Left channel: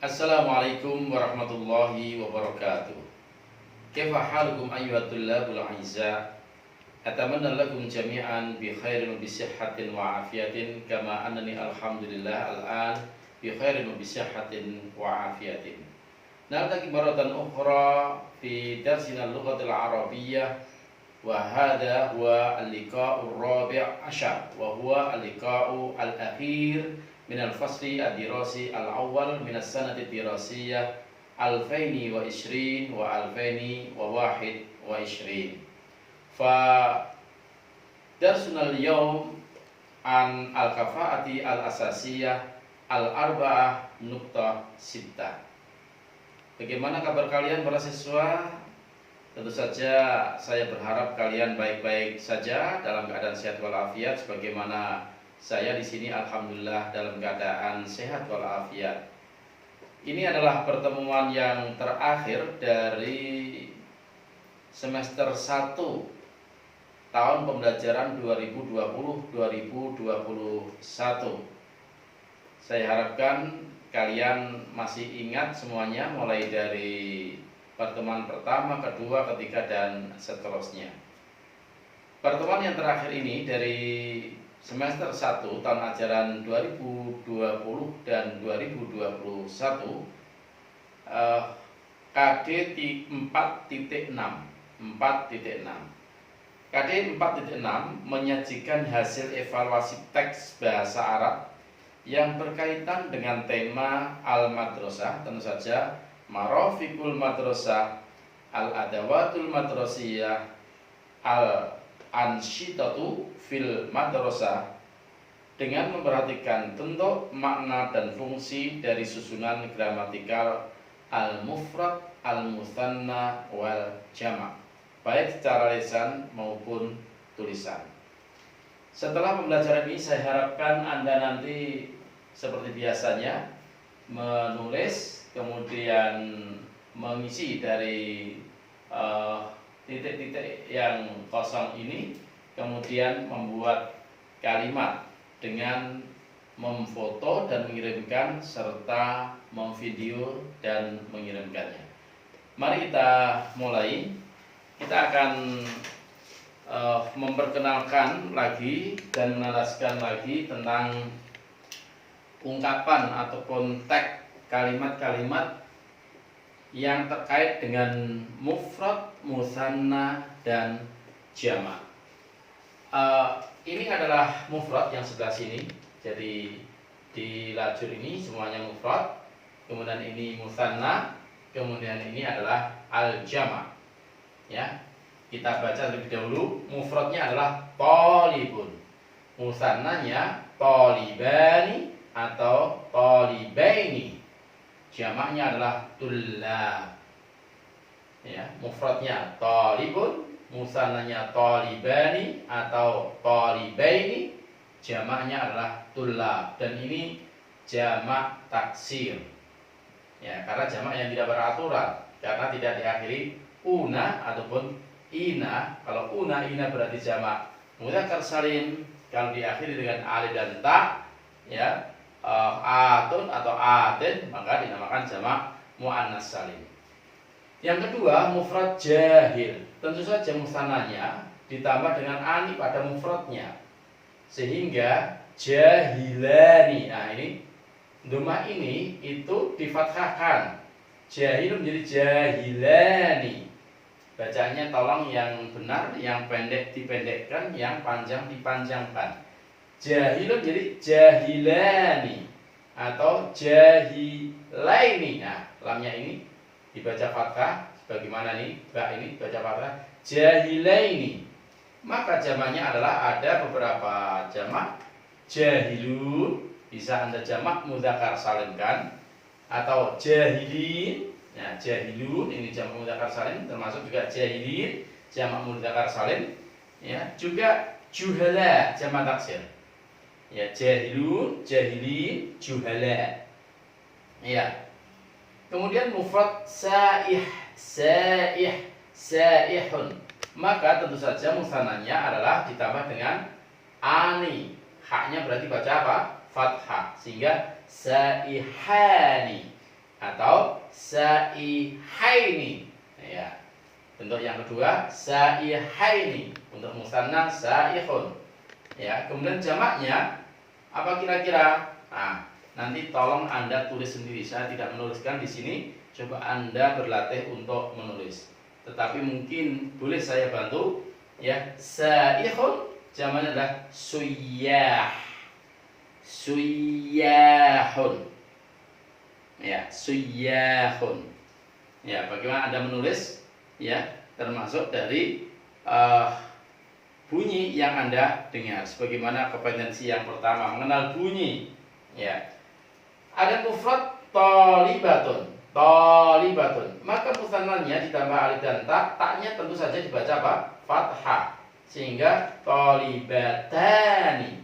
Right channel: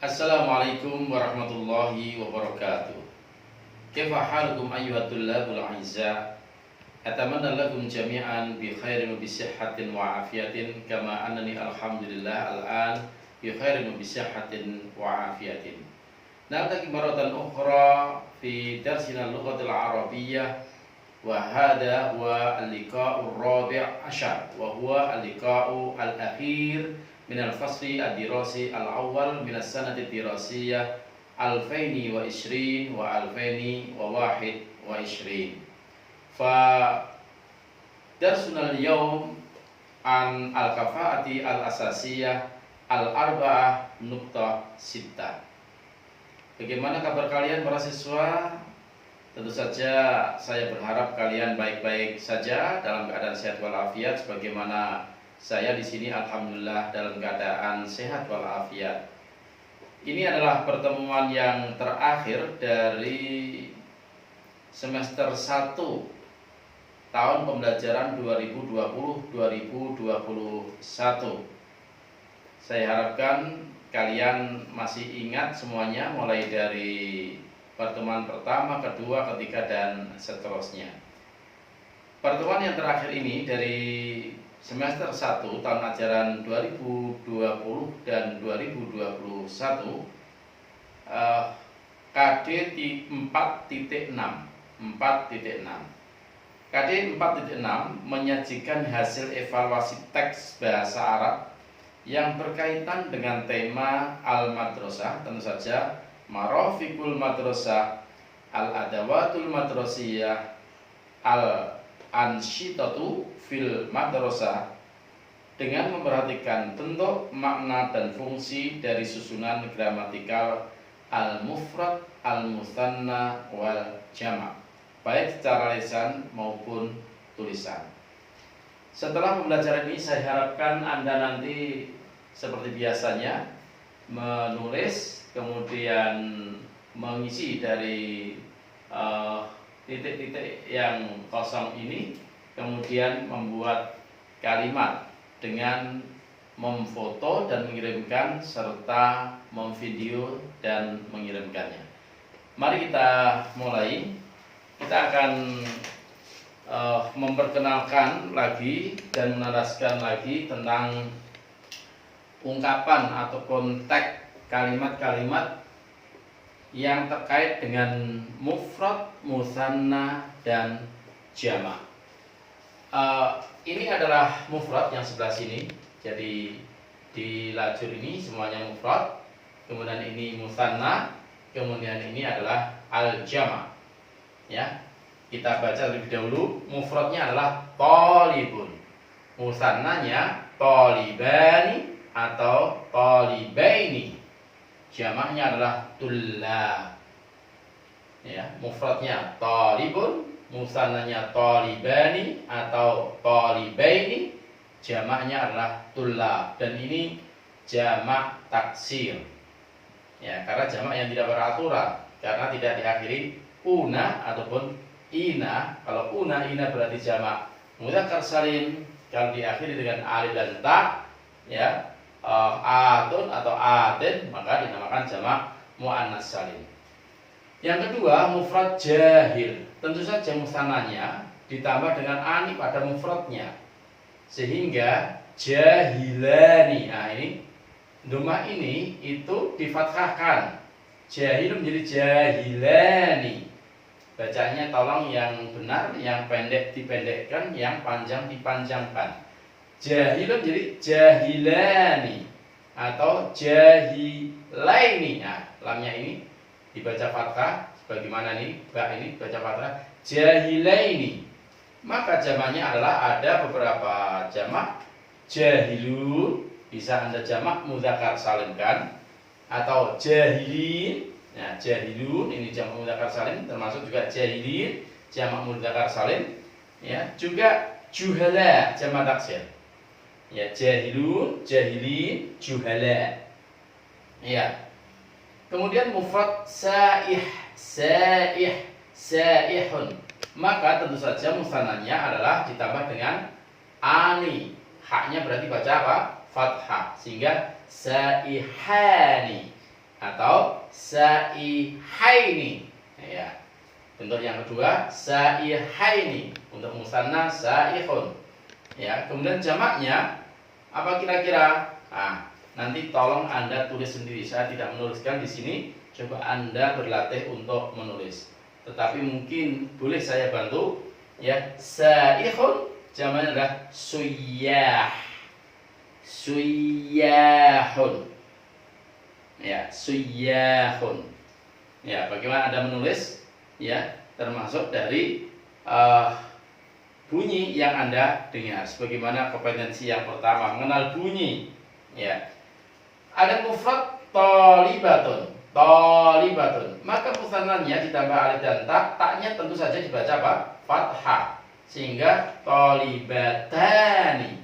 Assalamualaikum warahmatullahi wabarakatuh. Kaifa halukum ayyuhat tullabul a'izza? Atamanna lakum jami'an bi khairin wa bi sihhatin wa afiyatin kama annani alhamdulillah al'an bi khairin wa bi sihhatin wa afiyatin. Naltaqi maratan ukhra fi darsina al-lughatil arabiyyah wa hadha huwa al-liqa'ur rabi' ashar wa huwa al-liqa'u al-akhir min al-fasli ad-dirasi al-awwal min as-sanati ad-dirasiyah 2020 wa 2021. Fa darsuna al-yawm an al-kafa'ati al-asasiyah al-arba'ah nuqtah sittah. Bagaimana kabar kalian para siswa? Tentu saja saya berharap kalian baik-baik saja dalam keadaan sehat walafiat sebagaimana saya di sini alhamdulillah dalam keadaan sehat walafiat. Ini adalah pertemuan yang terakhir dari semester 1 tahun pembelajaran 2020-2021. Saya harapkan kalian masih ingat semuanya mulai dari pertemuan pertama, kedua, ketiga, dan seterusnya. Pertemuan yang terakhir ini dari semester 1 tahun ajaran 2020 dan 2021 KD 4.6 KD 4.6 menyajikan hasil evaluasi teks bahasa Arab yang berkaitan dengan tema Al-Madrasah, tentu saja Marafiqul Madrasah, Al-Adawatul Madrasiyah, Al-Ansyitatu fil Madrasah, dengan memperhatikan bentuk, makna, dan fungsi dari susunan gramatikal al-mufrad, al-mutsanna, wal jama', baik secara lisan maupun tulisan. Setelah pembelajaran ini saya harapkan Anda nanti seperti biasanya menulis, kemudian mengisi dari titik-titik yang kosong ini, kemudian membuat kalimat dengan memfoto dan mengirimkan serta memvideo dan mengirimkannya. Mari kita mulai. Kita akan memperkenalkan lagi dan menjelaskan lagi tentang ungkapan atau konteks kalimat-kalimat yang terkait dengan mufrad, musanna, dan jama'. Ini adalah mufrad yang sebelah sini. Jadi di lajur ini semuanya mufrad. Kemudian ini musanna. Kemudian ini adalah al-jama'. Ya, kita baca lebih dahulu. Mufradnya adalah thalibun. Musannanya thalibani atau thalibaini. Jamaknya adalah tullab. Ya, mufradnya thalibun, musannanya thalibani atau thalibaini, jamaknya adalah tullab. Dan ini jamak taksir. Ya, karena jamak yang tidak beraturan, karena tidak diakhiri una ataupun ina. Kalau una, ina berarti jamak mudzakkar salim. Kalau diakhiri dengan alif dan ta, ya, atun atau atin, maka dinamakan jamak muannas salim. Yang kedua, mufrad jahil. Tentu saja musannanya ditambah dengan ani pada mufradnya, sehingga jahilani. Nah, ini domah ini itu difathahkan. Jahil menjadi jahilani. Bacanya tolong yang benar, yang pendek dipendekkan, yang panjang dipanjangkan. Jahilun jadi jahilani atau jahilaini. Nah, lamnya ini dibaca fathah sebagaimana ini, ba ini baca fathah jahilaini. Maka jamaknya adalah ada beberapa jamak. Jahilun bisa Anda jamak mudzakkar salimkan, atau jahilin. Nah, jahilun ini jamak mudzakkar salim, termasuk juga jahilin jamak mudzakkar salim. Ya, juga juhala jamak taksir. Ya, jahilun, jahilin, juhala. Ya. Kemudian mufrad saih, saihun. Maka tentu saja musannanya adalah ditambah dengan ani. Haknya berarti baca apa? Fathah. Sehingga saihani. atau saihaini. Ya. Bentuk yang kedua saihaini. Untuk musanna saihun. Ya, kemudian jamaknya apa kira-kira? Nah, nanti tolong Anda tulis sendiri. Saya tidak menuliskan di sini. Coba Anda berlatih untuk menulis. Tetapi mungkin boleh saya bantu. Ya, saihun jamaknya adalah suyah. Suyahun. Ya, suyahun. Ya, bagaimana Anda menulis? Ya, termasuk dari bunyi yang Anda dengar. Sebagaimana kompetensi yang pertama, mengenal bunyi. Ya. Ada mufrad thalibatun. Thalibatun. Maka musannanya ditambah alif dan ta, taknya tentu saja dibaca apa? Fathah. Sehingga thalibatani.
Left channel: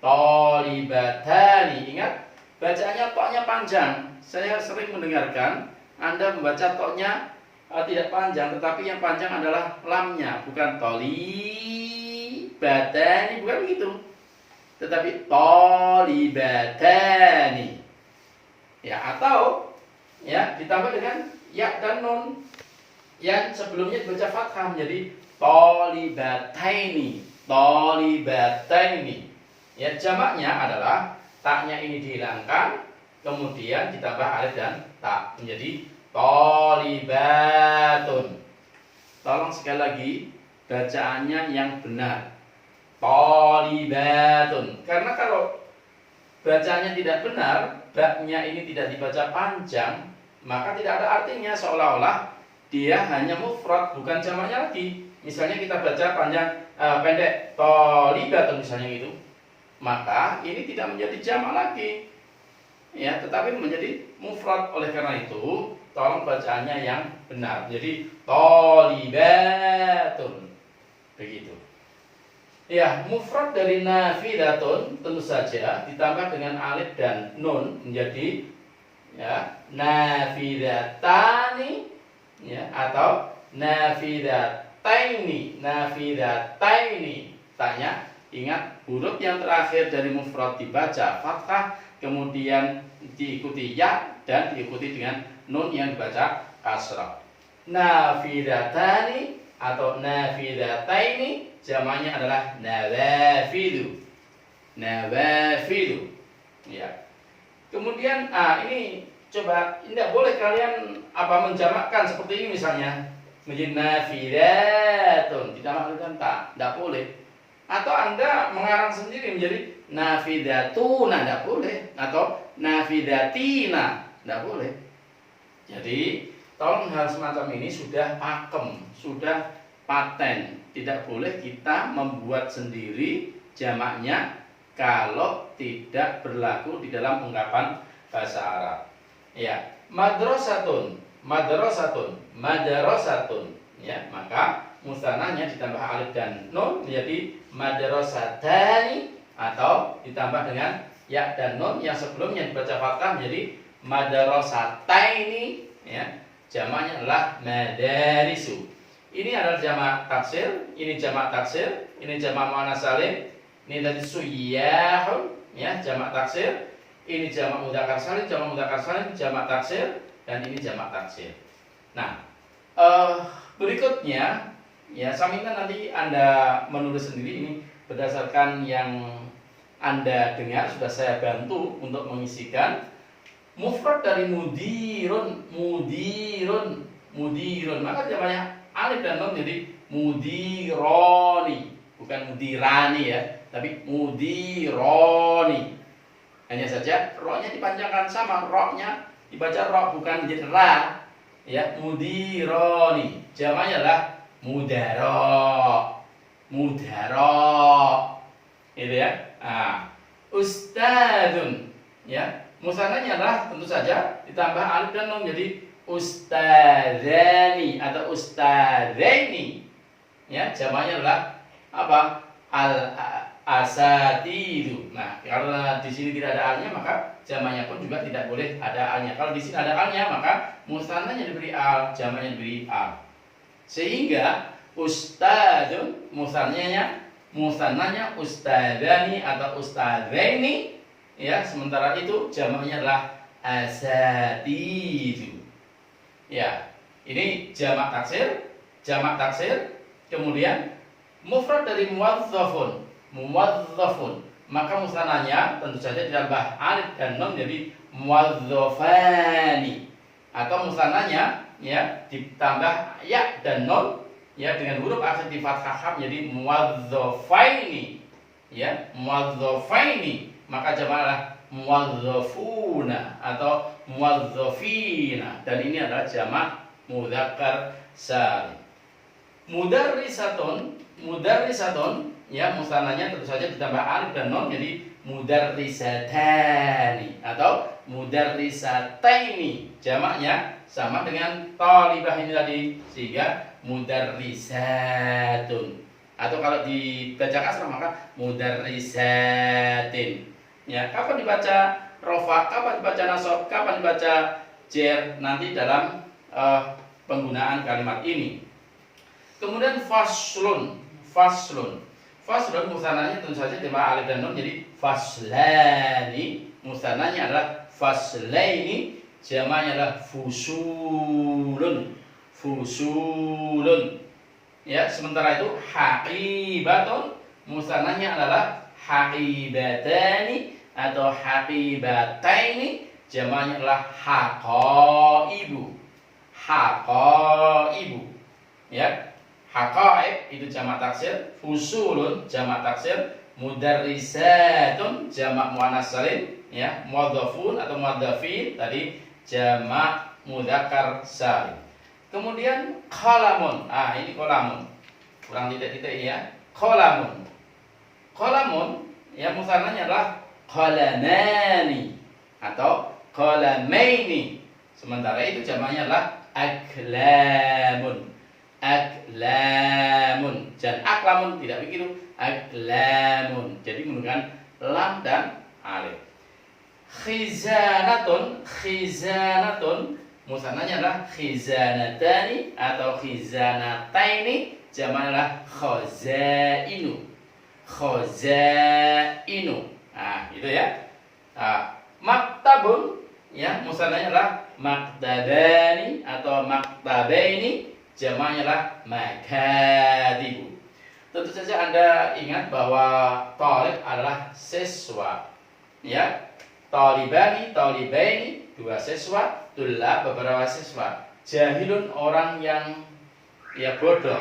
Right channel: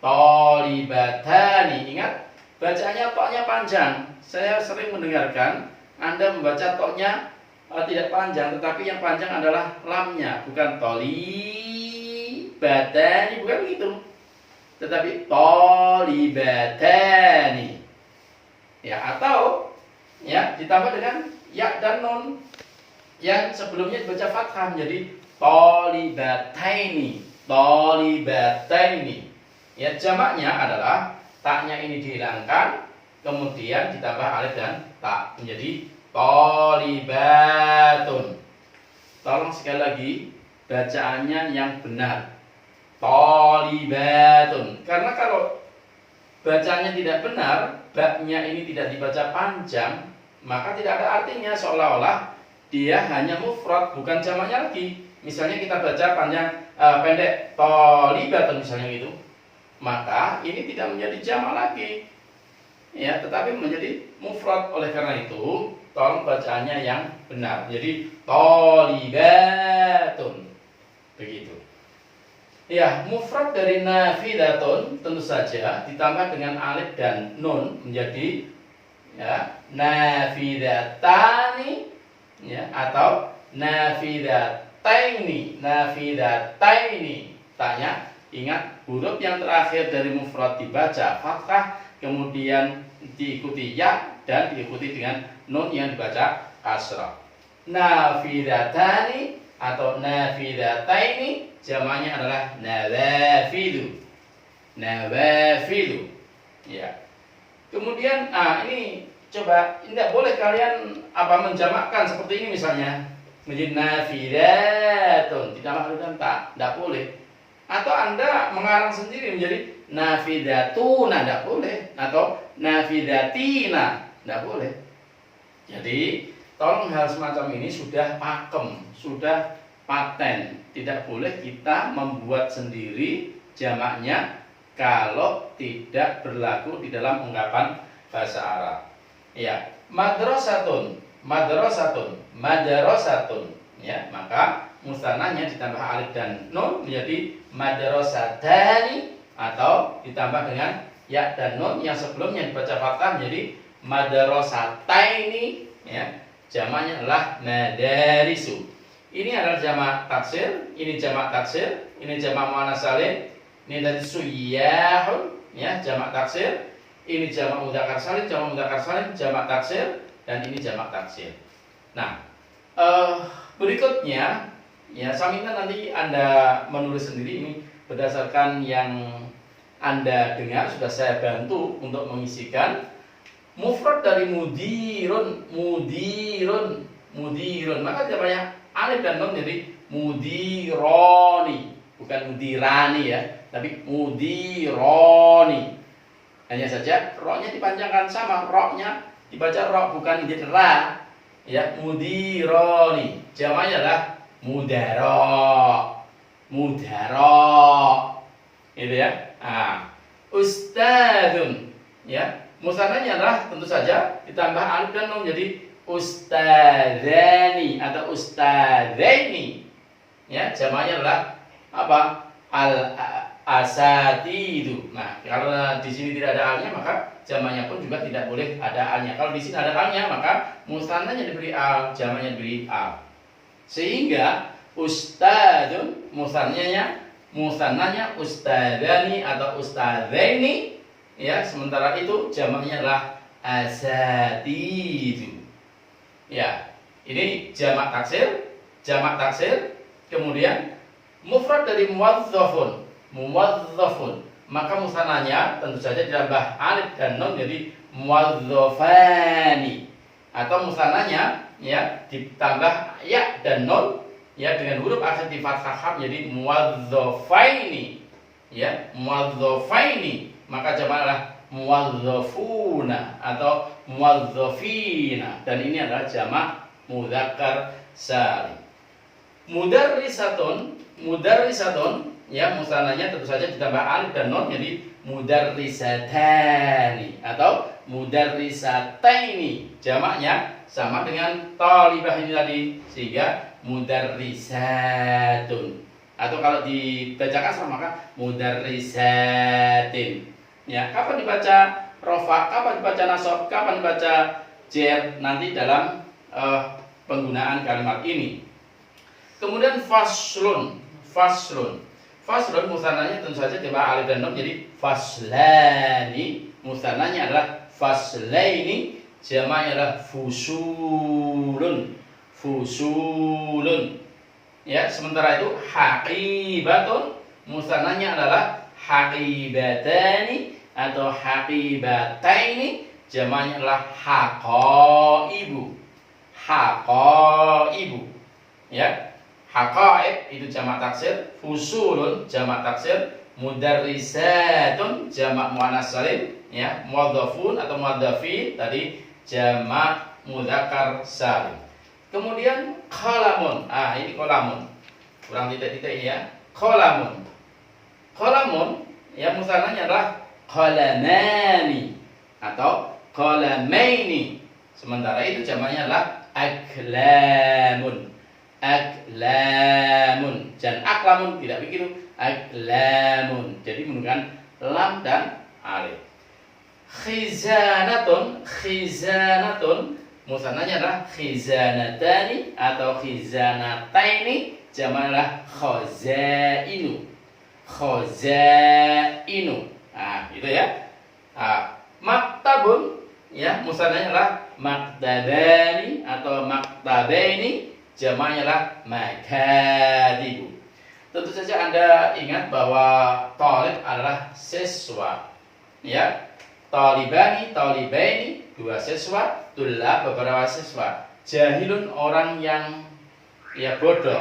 Thalibatani. Ingat, bacaannya toknya panjang. Saya sering mendengarkan Anda membaca toknya tidak panjang, tetapi yang panjang adalah lamnya, bukan thalibatani, bukan begitu. Tetapi thalibatani. Ya, atau ya ditambah dengan ya dan nun yang sebelumnya dibaca fathah menjadi thalibataini. Thalibataini. Ya, jamaknya adalah taknya ini dihilangkan, kemudian ditambah alif dan ta menjadi thalibatun. Tolong sekali lagi bacaannya yang benar. Thalibatun. Karena kalau bacanya tidak benar, baknya ini tidak dibaca panjang, maka tidak ada artinya, seolah-olah dia hanya mufrad, bukan jamaknya lagi. Misalnya kita baca panjang pendek thalibatun misalnya gitu. Maka ini tidak menjadi jamak lagi. Ya, tetapi menjadi mufrad. Oleh karena itu, tolong bacaannya yang benar. Jadi thalibatun. Begitu. Ya, mufrad dari nafidatun tentu saja ditambah dengan alif dan nun menjadi ya nafidatani, ya, atau nafidataini. Nafidataini. Tanya, ingat huruf yang terakhir dari mufrad dibaca fathah, kemudian diikuti ya dan diikuti dengan nun yang dibaca kasrah. Nafidatani atau nafidataini jamaknya adalah nawafilu. Nawafilu. Ya. Kemudian ini coba, tidak boleh kalian menjamakkan seperti ini misalnya menjadi nafidatun ditambah alif dan ta, tidak boleh. Atau Anda mengarang sendiri menjadi nafidatuna, tidak boleh, atau nafidatina, tidak boleh. Jadi tolong hal semacam ini sudah pakem, sudah paten. Tidak boleh kita membuat sendiri jamaknya kalau tidak berlaku di dalam ungkapan bahasa Arab. Ya, madrasatun, madrasatun, madrasatun. Ya, maka musanahnya ditambah alif dan nun menjadi madrasatani, atau ditambah dengan ya dan nun yang sebelumnya dibaca fathah menjadi madrasataini. Ya, jamaknya adalah madarisu. Ini adalah jamak taksir, ini jamak taksir, ini jamak muannats salim, ini tadi suyahun, ya jamak taksir, ini jamak mudzakkar salim, jamak taksir, dan ini jamak taksir. Nah, berikutnya ya samina nanti Anda menulis sendiri ini berdasarkan yang Anda dengar, sudah saya bantu untuk mengisikan. Mufrad dari mudirun, mudirun, mudirun, maka jamaknya alif dan nun jadi mudironi, bukan mudirani ya, tapi mudironi. Hanya saja ro-nya dipanjangkan, sama ro-nya dibaca ro, bukan menjadi ra. Ya, mudironi. Jamaknya adalah mudaro. Mudaro. Gitu ya. Nah, ustadzun, ya. Musannahnya adalah tentu saja ditambah alif dan nun jadi ustadzani atau ustadzaini. Ya, jamaknya adalah apa? Al-asatidu. Nah, kalau di sini tidak ada alnya, maka jamaknya pun juga tidak boleh ada alnya. Kalau di sini ada alnya, maka musannahnya diberi al, jamaknya diberi al. Sehingga ustadzun musannahnya ustadzani atau ustadzaini. Ya, sementara itu jamaknya adalah asatidu. Ya, ini jamak taksir, kemudian mufrad dari muwadzafun, maka musananya tentu saja ditambah alif dan nun jadi muwadzafani, atau musananya ya ditambah ya dan nun ya dengan huruf akhir di fathah menjadi muwadzafaini, ya muwadzafaini, maka jamak adalah muwadzafuna atau muwadzafina, dan ini adalah jamak mudzakkar salim. Mudarrisatun ya musananya tentu saja ditambah alif dan nun jadi mudarrisatani atau mudarrisataini, jamaknya sama dengan talibah ini tadi sehingga mudarrisatun, atau kalau dibaca kasrah maka mudarrisatin. Ya, kapan dibaca rofa, kapan dibaca nasab, kapan dibaca jer nanti dalam penggunaan kalimat ini. Kemudian faslun musananya tentu saja ditambah alif dan nun jadi faslani, musananya adalah faslaini, jamaknya adalah fusulun. Ya, sementara itu haqibatun musananya adalah haqibatani atau haqibataini, jamaknya adalah haqaibu. Ya, haqaib itu jamak taksir, fusulun jamak taksir, mudarrisatun jamak muannas salim, ya, muwadzafun atau muwadzafin tadi jamak mudzakkar salim. Kemudian qalamun. Ini qalamun. Kurang titik-titik ya. Qalamun ya musananya adalah qalamani atau qalamaini. Sementara itu jamaknya adalah aklamun. Dan aklamun tidak begitu, aklamun. Jadi menggunakan lam dan alif. Khizanatun musananya adalah khizanatani atau khizanataini, jamaknya adalah khazainu. Itu ya. Maktabun ya musananya adalah maktabani atau maktabaini, jamaknya adalah makadibu. Tentu saja Anda ingat bahwa talib adalah siswa, ya. Talibani, talibaini, dua siswa, tulab beberapa siswa. Jahilun orang yang ya bodoh,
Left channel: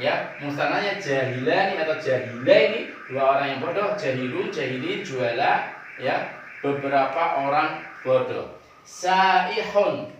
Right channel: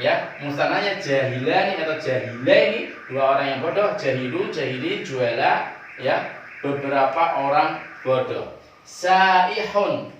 ya. Musananya jahilani atau jahilaini, dua orang yang bodoh. Jahilun, jahili, juala, ya, beberapa orang bodoh. Saihun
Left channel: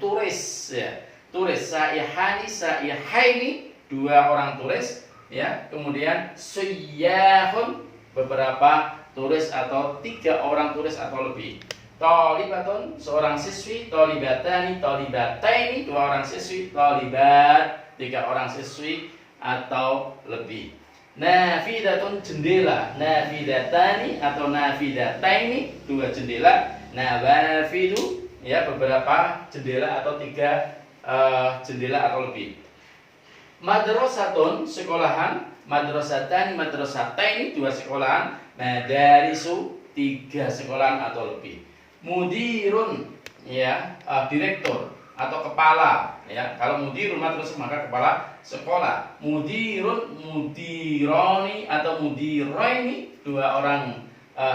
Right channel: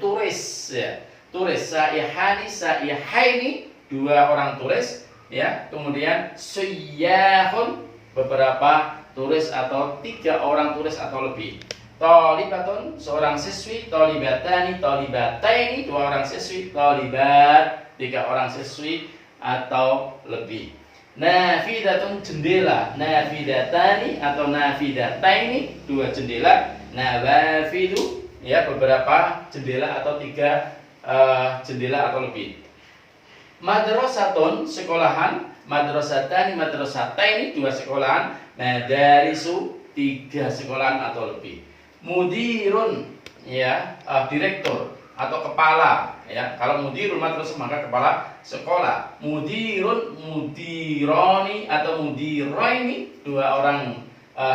turis, ya. Turis, saihaini, dua orang turis, ya. Kemudian suyyahun, beberapa turis atau tiga orang turis atau lebih. Talibatun, seorang siswi. Talibatani, talibataini, dua orang siswi. Talibat, tiga orang siswi atau lebih. Nafidatun, jendela. Nafidatani atau nafidataini, dua jendela. Nawafidu, ya, beberapa jendela atau tiga jendela atau lebih. Madrasatun, sekolahan. Madrasatani, madrasataini, dua sekolahan. Madarisu, tiga sekolahan atau lebih. Mudirun, ya, direktur atau kepala, ya. Kalau mudirun madrasah maka kepala sekolah. Mudirun, mudironi atau mudiraini, dua orang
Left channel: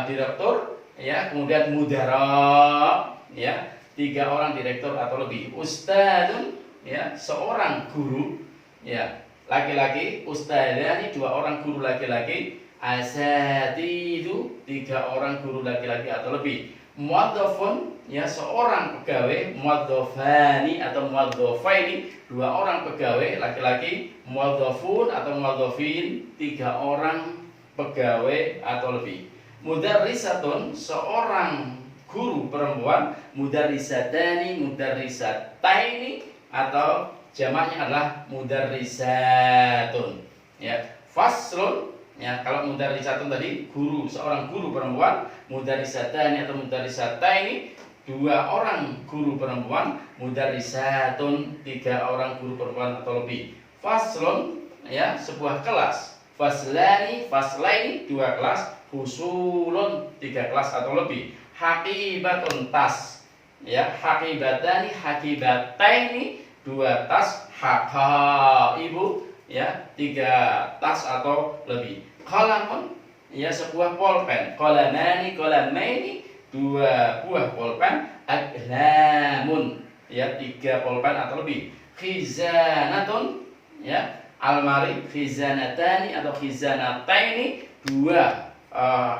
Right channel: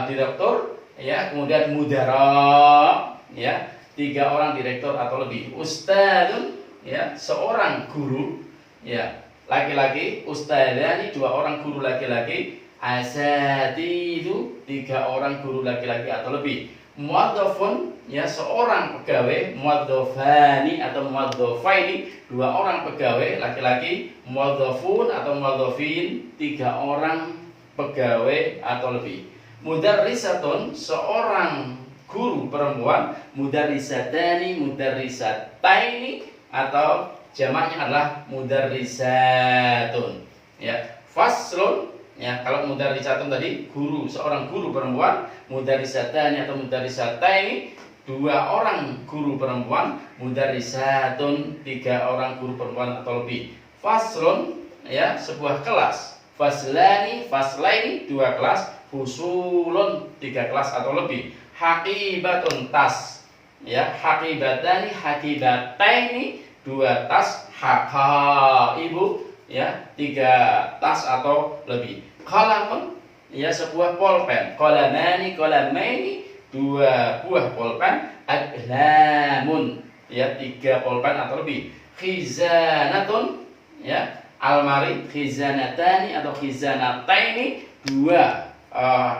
direktur, ya. Kemudian mudara, ya, tiga orang direktur atau lebih. Ustadun, ya, seorang guru, ya, laki-laki. Ustadani, dua orang guru laki-laki. Asatidu, tiga orang guru laki-laki atau lebih. Muwadzafun, ya, seorang pegawai. Muwadzafani atau muwadzafaini, dua orang pegawai laki-laki. Muwadzafun atau muwadzafin, tiga orang pegawai atau lebih. Mudarrisatun, seorang guru perempuan. Mudarrisatani, mudarrisataini, atau jamaknya adalah mudarrisatun, ya. Faslun, ya, kalau mudarrisatun tadi guru, seorang guru perempuan. Mudarrisatani atau mudarrisataini, dua orang guru perempuan. Mudarrisatun, tiga orang guru perempuan atau lebih. Faslun, ya, sebuah kelas. Faslani, faslaini, dua kelas. Fusulun, tiga kelas atau lebih. Haqibatun tas. Ya, haqibatani, haqibataini, 2 tas, ibu ya, 3 tas atau lebih. Qalamun ya, sebuah pulpen. Qalamani, qalamaini, 2 buah pulpen. Aqlamun ya, 3 pulpen atau lebih. Khizanatun ya, almari. Khizanatani atau khizanataini, 2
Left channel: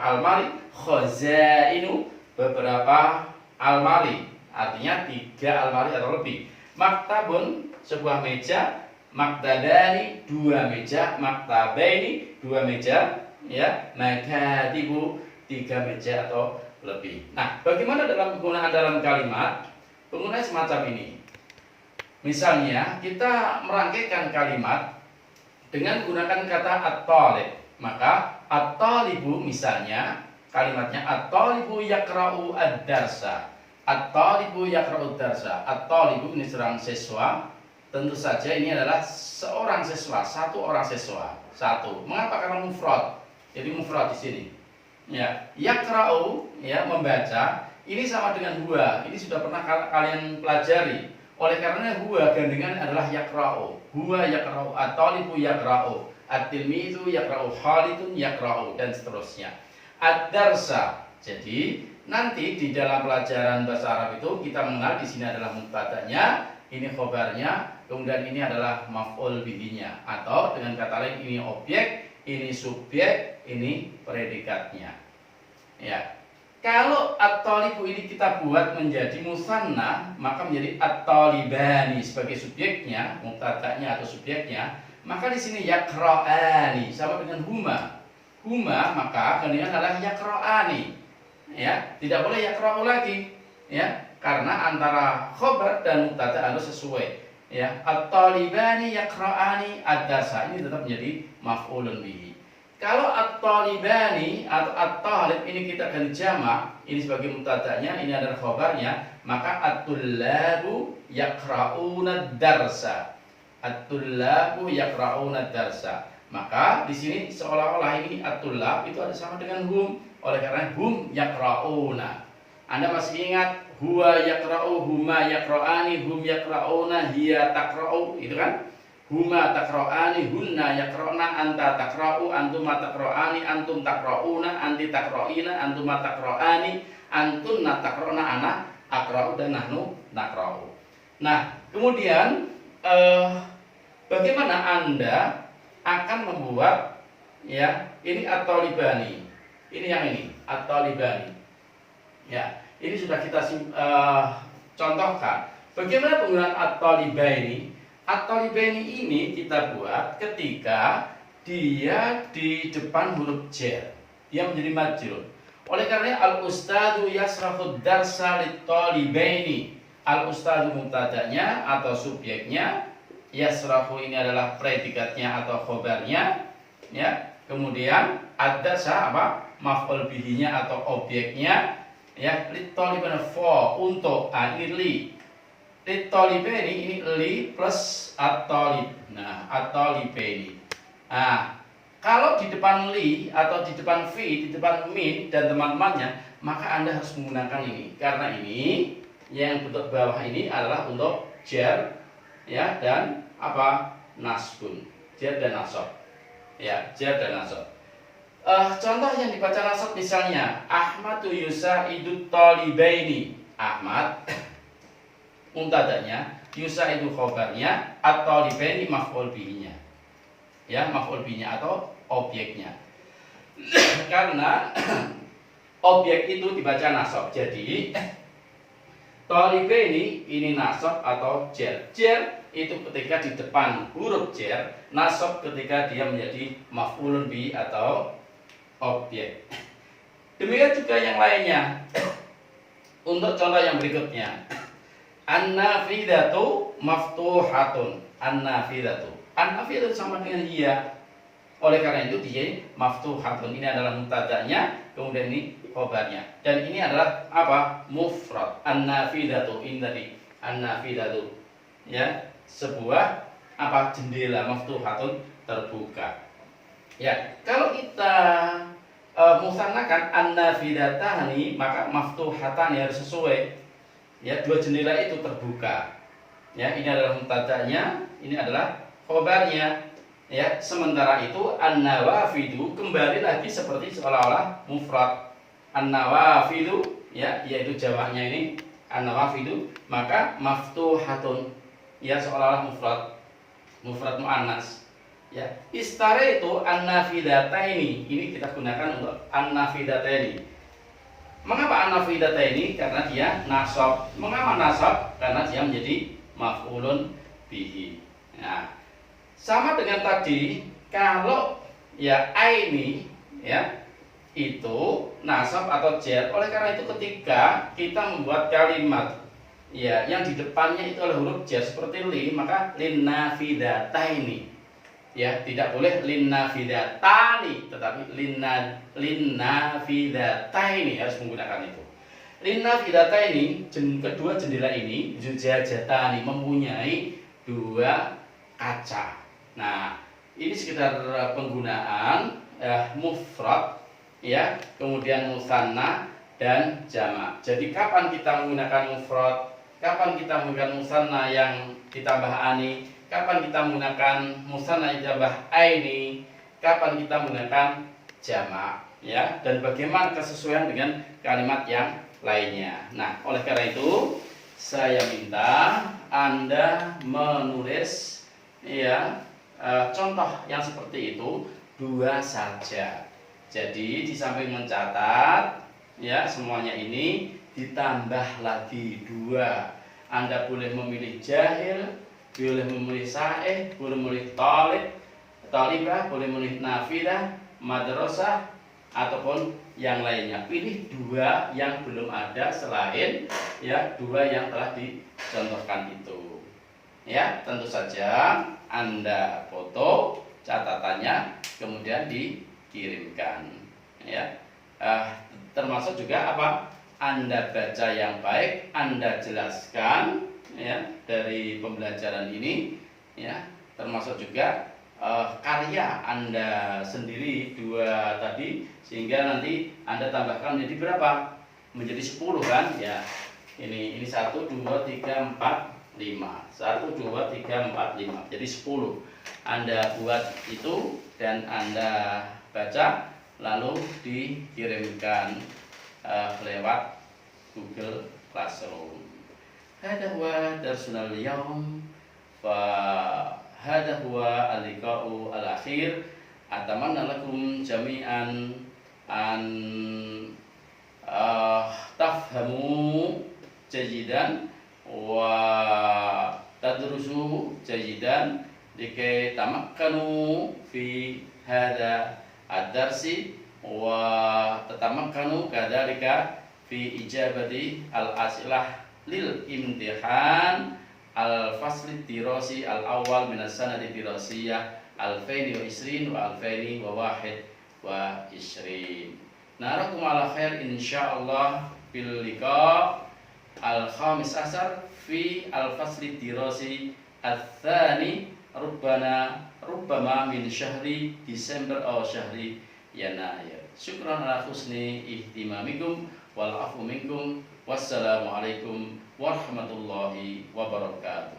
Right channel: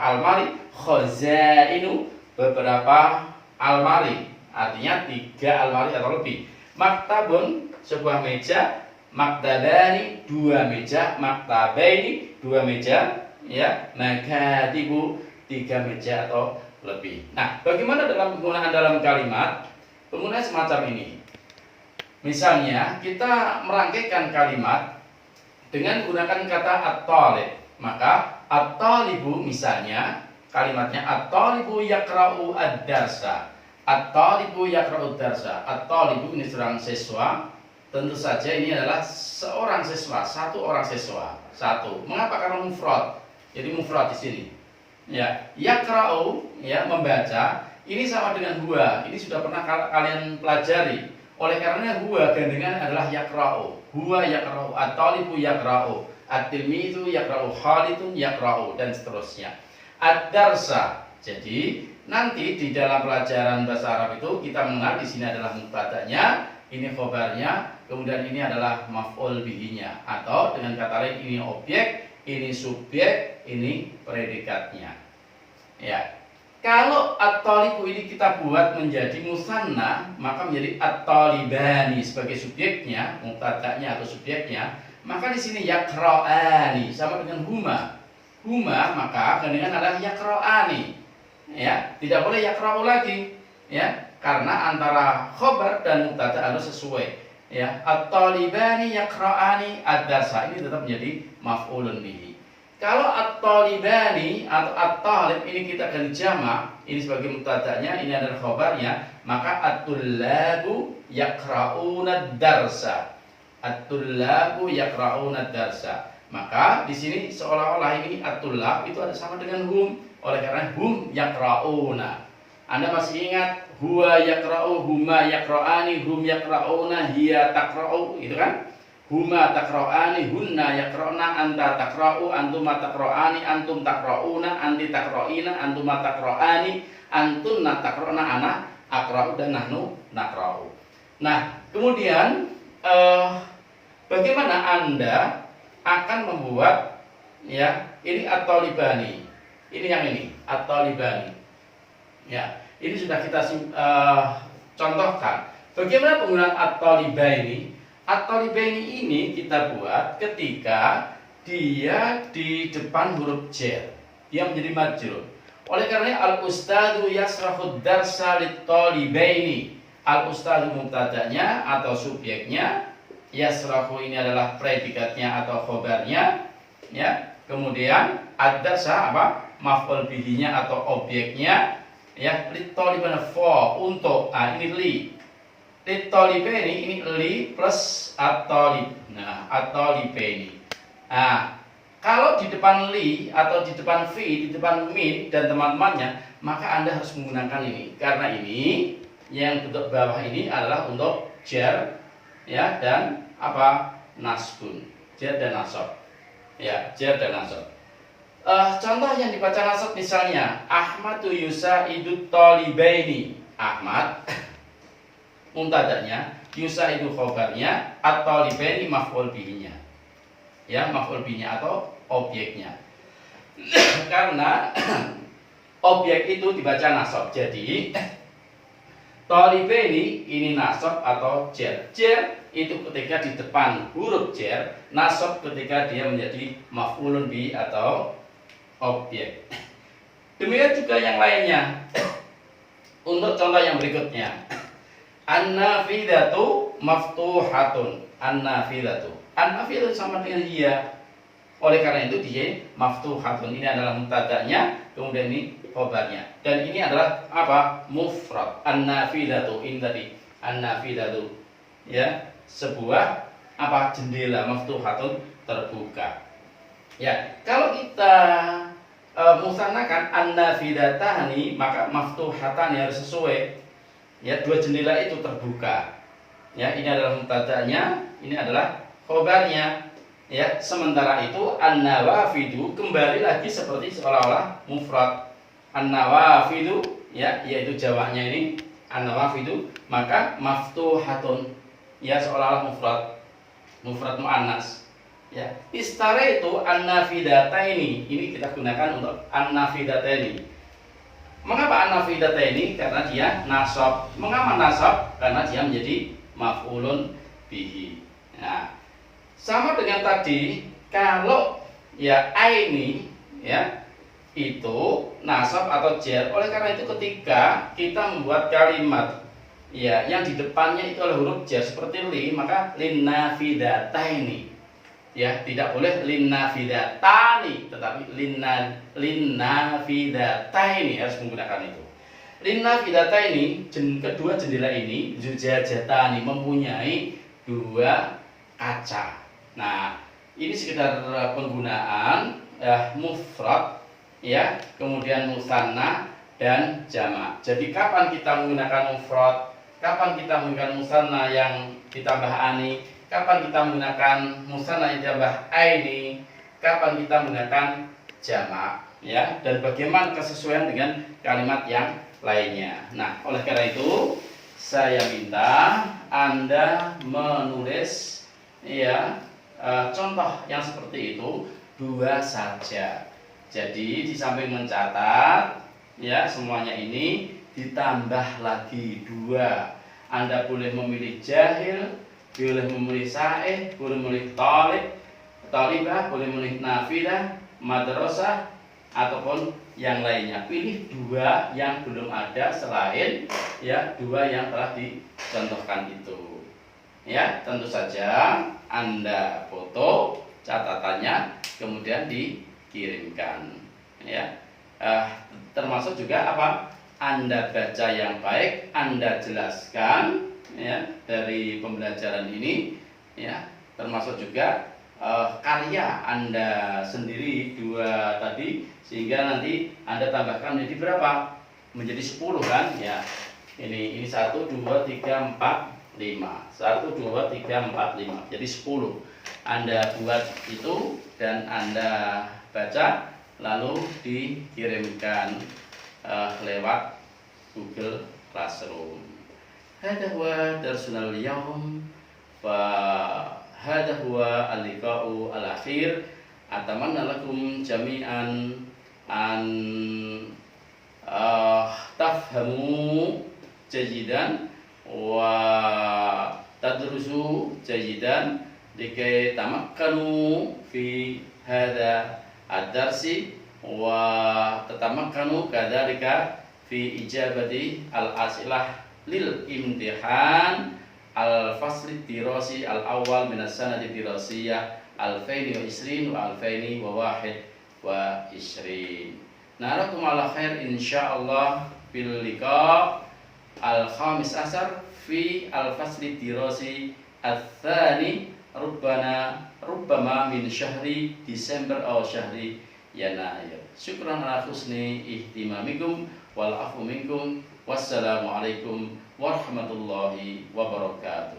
almari. Khazainu, beberapa almari, artinya 3 almari atau lebih. Maktabun, sebuah meja. Maktabani, 2 meja. Maktabaini, 2 meja ya. Makatibu, 3 meja atau lebih. Nah, bagaimana dalam penggunaan dalam kalimat? Penggunaan semacam ini. Misalnya kita merangkaikan kalimat dengan menggunakan kata at-talib. Maka at-talibu, misalnya kalimatnya at-talibu yaqra'u ad-darsa. At-talibu yaqra'u ad-darsa. At-talibu ini seorang siswa. Tentu saja ini adalah seorang siswa, 1 orang siswa. 1. Mengapa? Karena mufrad. Jadi mufrad di sini. Ya, yaqra'u ya, membaca. Ini sama dengan huwa. Ini sudah pernah kalian pelajari. Oleh karena huwa gandengan adalah yaqra'u. Huwa yaqra'u, at-talibu yaqra'u, at-tilmizu yaqra'u, Khalidun yaqra'u, dan seterusnya. Ad-darsa. Jadi nanti di dalam pelajaran bahasa Arab itu kita mengenal di sini adalah mubtada'nya, ini khobarnya, kemudian ini adalah maf'ul bihinya, atau dengan kata lain ini objek, ini subjek, ini predikatnya. Ya. Kalau at-talibu ini kita buat menjadi musanna, maka menjadi at-talibani sebagai subjeknya, mubtada'nya atau subjeknya, maka di sini yaqra'ani sama dengan huma. Huma maka gandengan adalah yaqra'ani. Ya, tidak boleh yaqra'u lagi. Ya, karena antara khobar dan mubtada' harus sesuai. Ya, at-talibani yaqra'ani ad-darsa, ini tetap menjadi maf'ulun bihi. Kalau at-talibani atau at-talib ini kita ganti jamak, ini sebagai mubtada'nya, ini adalah khobarnya, maka at-tullabu yaqra'una ad-darsa. At-tullabu yaqra'una ad-darsa. Maka di sini seolah-olah ini at-tullab itu ada sama dengan hum, oleh karena hum yaqra'una. Anda masih ingat huwa yaqra'u, huma yaqra'ani, hum yaqra'una, hiya taqra'u, itu kan? Huma taqra'ani, hunna yaqra'na, anta taqra'u, antuma taqra'ani, antum taqra'una, anti taqra'ina, antuma taqra'ani, antunna taqra'na, ana aqra'u, dan nahnu naqra'u. Nah, kemudian bagaimana Anda akan membuat ya, ini at-talibani. Ini yang ini, at-talibani. Ya, ini sudah kita contohkan. Bagaimana penggunaan at-talibani? At-talibani ini kita buat ketika dia di depan huruf jar, dia menjadi majrur. Oleh karena al-ustadu yasrahud darsa lit-talibaini. Al-ustadu mubtada'nya atau subjeknya, yasrahu ini adalah predikatnya atau khobarnya, ya. Kemudian ad-darsa apa? Maf'ul bihinya atau objeknya, ya. Lit-talibana fa, untuk, ini li. Lit-talibani ini li plus at-talib. Nah, at-talibani. Nah, kalau di depan li atau di depan fi, di depan min dan teman-temannya, maka Anda harus menggunakan ini. Karena ini yang bentuk bawah ini adalah untuk jar, ya, dan apa? Nasbun. Jar dan nasab. Ya, jar dan nasab. Contoh yang dibaca nasab misalnya Ahmadu yusaidu talibaini. Ahmad mubtada'nya, yusaidu khobarnya, at-talibaini maf'ul bihinya. Ya, maf'ul bihinya atau objeknya. Karena objek itu dibaca nasab. Jadi talibaini ini nasab atau jar. Jar itu ketika di depan huruf jar, nasab ketika dia menjadi maf'ulun bihi atau objek. Demikian juga yang lainnya. Untuk contoh yang berikutnya, an-nafidatu maftuhatun. An-nafidatu. An-nafidatu sama dengan hiya. Oleh karena itu dia maftuhatun. Ini adalah mubtada'nya, kemudian ini khobarnya. Dan ini adalah apa? Mufrad. An-nafidatu ini tadi. An-nafidatu. Ya, sebuah apa? Jendela maftuhatun, terbuka. Ya, kalau kita musanna kan an-nafidatani, maka maftuhatani harus sesuai. Ya, dua jendela itu terbuka. Ya, ini adalah mubtada'nya, ini adalah khobarnya. Ya, sementara itu an-nawafidu kembali lagi seperti seolah-olah mufrad. An-nawafidu, ya, yaitu jamaknya ini an-nawafidu, maka maftuhatun, ya, seolah-olah mufrad muannas. Ya, istara itu an-nafidataini, ini kita gunakan untuk an-nafidataini. Mengapa an-nafidataini? Karena dia nasab. Mengapa nasab? Karena dia menjadi maf'ulun bihi. Nah, sama dengan tadi, kalau ya aini, ya, itu nasab atau jar. Oleh karena itu ketika kita membuat kalimat, ya, yang di depannya itu adalah huruf jar seperti li, maka linnafidataini. Ya, tidak boleh linnafidatani, tetapi linnafidataini harus menggunakan itu. Linnafidataini, kedua jendela ini zujajatani, mempunyai dua kaca. Nah, ini sekedar penggunaan mufrad, ya, kemudian musanna dan jamak. Jadi kapan kita menggunakan mufrad, kapan kita menggunakan musanna yang ditambah ani, kapan kita menggunakan musanna yang ditambah aini, kapan kita menggunakan jamak, ya, dan bagaimana kesesuaian dengan kalimat yang lainnya. Nah, oleh karena itu saya minta Anda menulis, ya, contoh yang seperti itu dua saja. Jadi di samping mencatat, ya, semuanya ini ditambah lagi dua. Anda boleh memilih jahil, boleh memilih sa'ih, boleh memilih talibah, boleh memilih nafidah, madrasah, ataupun yang lainnya. Pilih dua yang belum ada selain, ya, dua yang telah dicontohkan itu. Ya, tentu saja Anda foto catatannya kemudian dikirimkan. Ya, termasuk juga apa? Anda baca yang baik, Anda jelaskan, ya, dari pembelajaran ini, ya, termasuk juga karya Anda sendiri dua tadi, sehingga nanti Anda tambahkan menjadi berapa? Menjadi 10 kan, ya. Ini 1 2 3 4 5. 1 2 3 4 5. Jadi 10. Anda buat itu dan Anda baca lalu dikirimkan lewat Google Classroom. Hada huwa darsunal yaum wa hada huwa al-liqa'u al-akhir. Atamanna lakum jami'an an tafhamu jayidan wa tadrusu jayidan likai tamakkanu fi hada ad-darsi wa tatamakkanu kadzalika fi ijabati al-as'ilah lil imtihan al-fasli dirasi al-awwal min as-sanati dirasiyah 2020 wa 2021. Narakum ala khair insyaallah bil liqa al-khamis asar fi al-fasli dirasi al-thani rubbama min syahri Desember atau syahri Yanayir. Syukran ala husni ihtimamikum wal afu minkum. Wassalamualaikum warahmatullahi wabarakatuh.